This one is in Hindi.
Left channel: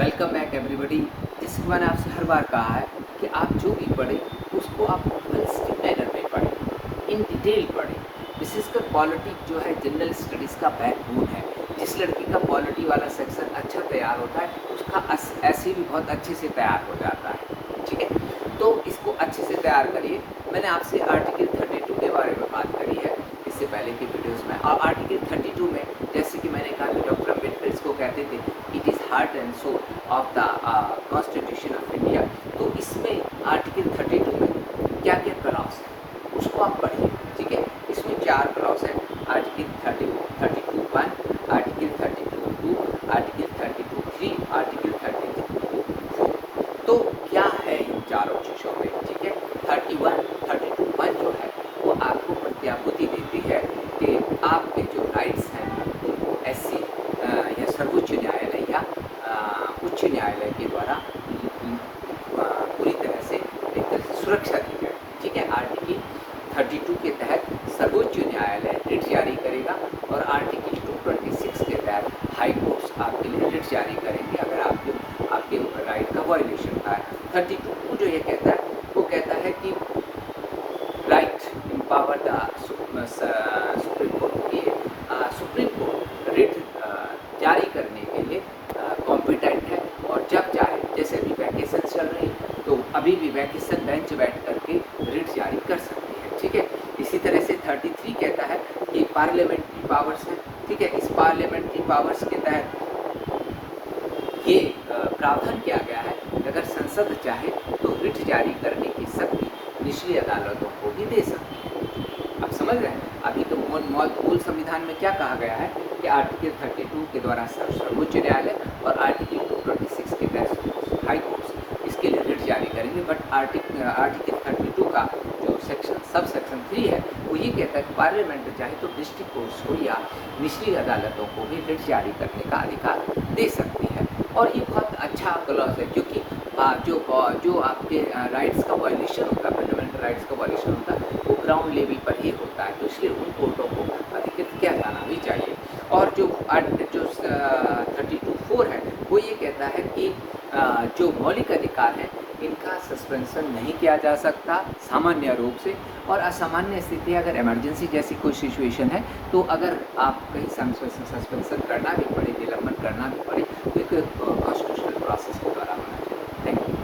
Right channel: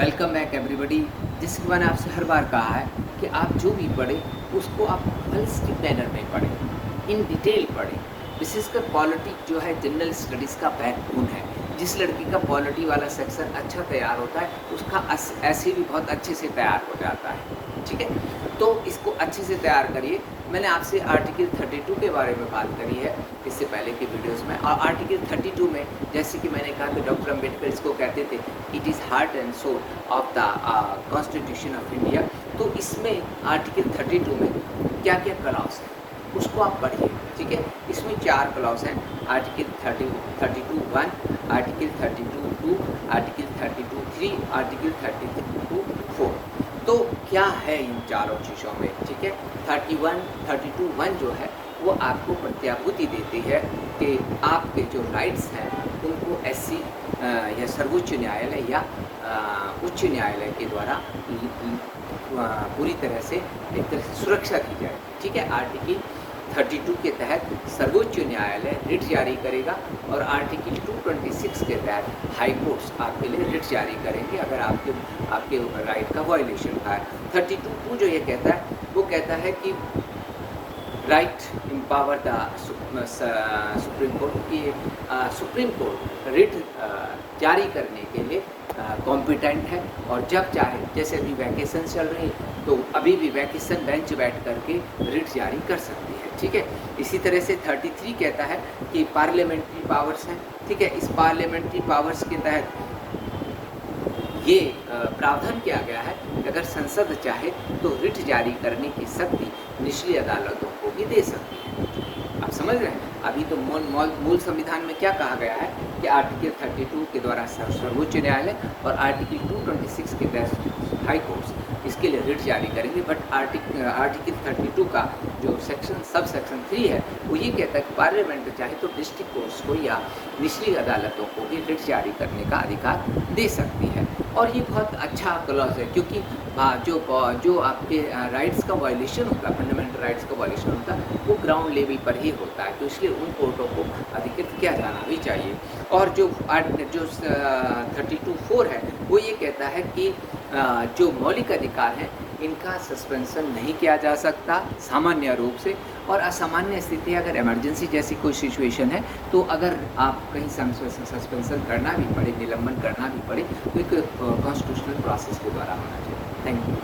Welcome back everybody. जिसके मैंने आपसे हर बार कहा है कि आप जो भी पढ़ें उसको आप होलिस्टिक मैनर में पढ़ें, इन डिटेल पढ़ें। विशेषकर पॉलिटी जो है जनरल स्टडीज़ का बैकबोन है। जिस लड़की का पॉलिटी वाला सेक्शन अच्छा तैयार होता है उसका ऐसे भी बहुत अच्छे से तैयार हो जाता है। ठीक है, तो इसको अच्छे से तैयार करिए। मैंने आपसे आर्टिकल 32 के बारे में बात करी है इससे पहले की वीडियोस में। और आर्टिकल 32 में जैसे कि मैंने कहा कि डॉक्टर अम्बेडकर इसको कहते थे it is heart and soul of the constitution of India. तो इसमें आर्टिकल 32 में क्या क्या क्लॉज है उसको आप पढ़िए। ठीक है, इसमें 4 क्लॉज हैं। Article 32(1), article 32(2), article 32(3), article 32(4). तो क्या है इन चारों चीज़ों में? ठीक है, 32(1) जो है वो आपको प्रत्याभूति देती है कि आपके जो राइट्स हैं उनको SC या सर्वोच्च न्यायालय या उच्च न्यायालय के द्वारा पूरी तरह से एक तरह से सुरक्षा दी जाए। ठीक है, आर्टिकल 32 के तहत सर्वोच्च न्यायालय रिट जारी करेगा और आर्टिकल 226 के तहत हाई कोर्ट्स आपके लिए रिट जारी करेंगे अगर आपके राइट का वायलेशन होता है। 32 जो ये कहता है वो कहता है कि right empower the supreme court. ये सुप्रीम कोर्ट रिट जारी करने के लिए कॉम्पिटेंट है और जब चाहे, जैसे अभी वैकेशन चल रही है तो अभी भी वैकेशन बेंच बैठ करके रिट जारी कर सकती है। ठीक है, इसी तरह से 33 कहता है कि पार्लियामेंट्री पावर्स हैं। ठीक है, इस पार्लियामेंट्री पावर्स के तहत ये प्रावधान किया गया है कि अगर संसद चाहे तो रिट जारी करने की शक्ति निचली अदालतों को भी दे सकती है। आप समझ रहे हैं? अभी तो मूल संविधान में क्या कहा गया है कि आर्टिकल 32 के द्वारा सर्वोच्च न्यायालय और आर्टिकल 226 के तहत हाई कोर्ट्स इसके लिए रिट जारी करेंगे। बट आर्टिकल 32 का जो सब सेक्शन 3 है वो ये कहता है कि पार्लियामेंट चाहे तो डिस्ट्रिक्ट कोर्ट्स को या निचली अदालतों को भी रिट जारी करने का अधिकार दे सकती है। और ये बहुत अच्छा क्लॉज है क्योंकि जो आपके राइट्स का वायलेशन होता है, फंडामेंटल राइट्स का वायलेशन होता है वो ग्राउंड लेवल पर ही होता है। तो इसलिए उन कोर्टों को अधिकृत किया जाना भी चाहिए। और जो 32(4) है वो ये कहता है कि जो मौलिक अधिकार हैं इनका सस्पेंशन नहीं किया जा सकता सामान्य रूप से, और असामान्य स्थिति अगर इमरजेंसी जैसी कोई सिचुएशन है तो अगर आप कहीं सस्पेंशन करना भी पड़े, निलंबन करना भी पड़े तो एक कॉन्स्टिट्यूशनल प्रोसेस के द्वारा होना चाहिए। Thank you.